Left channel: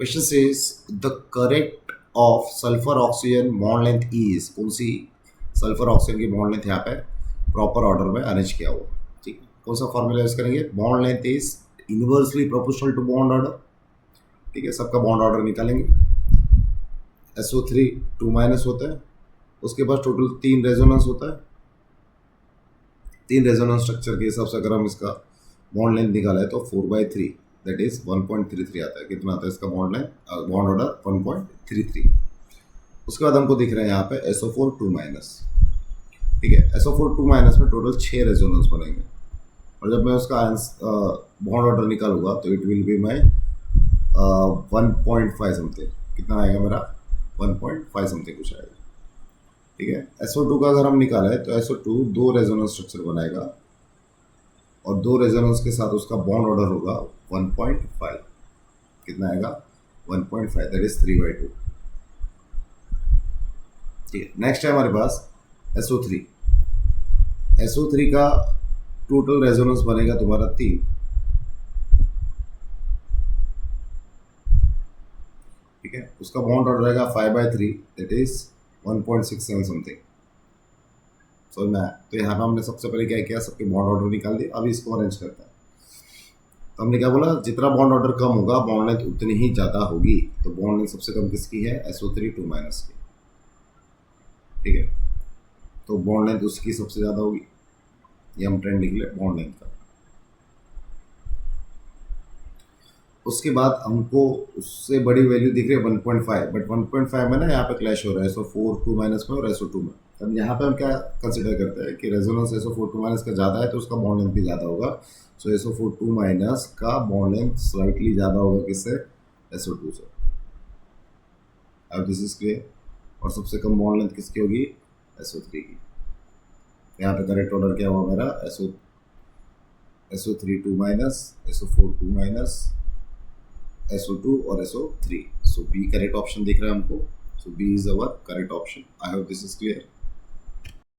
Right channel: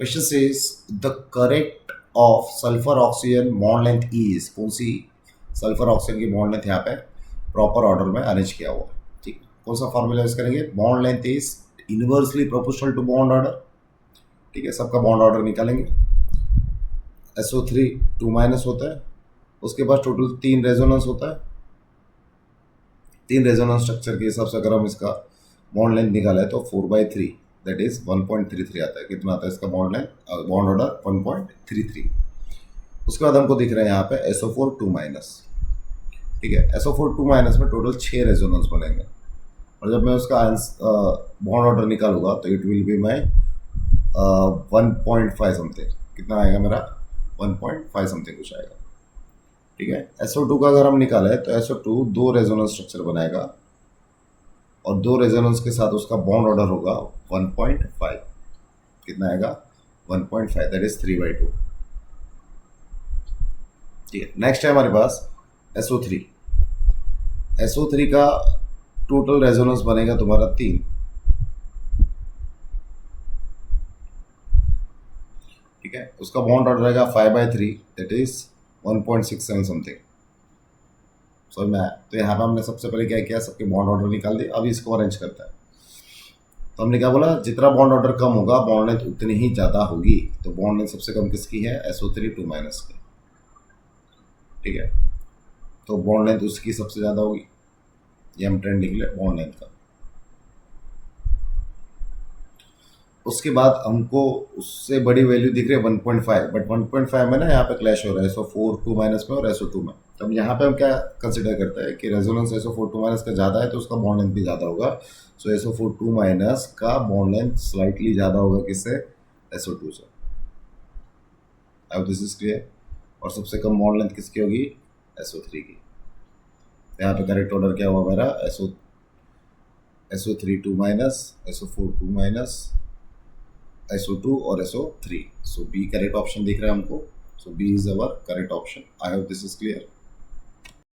Question says the correct of sulphur oxygen bond length is, कौन सी sulphur oxygen की bond length यहाँ पे proper order में arrange किया हुआ। ठीक है, कौन सा फॉर्मूला यूज करेंगे, bond length is inversely proportional to bond order. ठीक है, सबका बॉन्ड ऑर्डर निकालेंगे। SO3 2 माइनस होता है, उसके बाद टोटल 3 रेजोनेंस होता है। 3 रेजोनेंस स्ट्रक्चर के हिसाब से अगर हम इसका बॉन्ड लेंथ निकाला है तो 4/3 दैट इज 1.33 आता है। कितना आता है इसका बॉन्ड लेंथ, बॉन्ड ऑर्डर 1.33। उसके बाद हमको दिख रहा है यहाँ पे SO4 2 माइनस। ठीक है, SO4 2 माइनस में टोटल 6 रेजोनेंस बनेंगे, और जब मैं उसका बॉन्ड ऑर्डर निकालूंगा तो it will be my 1.5 something. कितना आएगा मेरा, 1.5 समथिंग कुछ आएगा। ठीक है, SO2 का अगर हम निकाले तो SO2 2 रेजोनेंस स्ट्रक्चर बनाएगा, और 2 रेजोनेंस के साथ उसका बॉन्ड ऑर्डर होगा 1.5। कितना आएगा, 1.5 दैट इज 3/2। ठीक है, नेक्स्ट है हमारे पास SO3। SO3 का टोटल रेजोनेंस बनेगा तुम्हारा 3। ठीक है, उसका बॉन्ड ऑर्डर रहेगा 5/3 दैट इज 1.67 समथिंग। समझ में आया? तो यहाँ पे हमने सबसे पहले क्या किया, सबके बॉन्ड ऑर्डर निकाल दिए। अभी इसको अरेंज करता है, तो हमने क्या बोला, जितना बॉन्ड ऑर्डर कम होगा बॉन्ड लेंथ उतनी ही ज़्यादा होगी। तो बॉन्ड लेंथ सबसे कम किसकी है, SO3 2 माइनस की। ठीक है, तो बॉन्ड लेंथ उसकी सबसे ज़्यादा होगी। ये हम ट्रेंड निकले बॉन्ड लेंथ का। उसके बाद हमको उससे बड़ी वैल्यू दिख रही है 1.5, बट 1.5 में ना यहाँ पे क्लैश हो रहा है SO4 2 माइनस में और SO2 में। तब यहाँ पे हम क्या कंसिडर करते हैं कि रेजोनेंस SO4 2 माइनस का ज़्यादा है तो उसका बॉन्ड लेंथ भी ज़्यादा होगा। सो SO4 2 माइनस का बॉन्ड लेंथ स्लाइटली ज़्यादा होगा किससे, SO2 से। अब दिस इज क्लियर। और सबसे कम बॉन्ड लेंथ किसकी होगी, SO3 की। यहाँ पे करेक्ट ऑर्डर क्या हुआ मेरा, SO3 2 minus, SO4 2 minus, SO2 और SO3। सो बी करेक्ट ऑप्शन दिख रहा है हमको। So B is our correct option. I hope this is clear.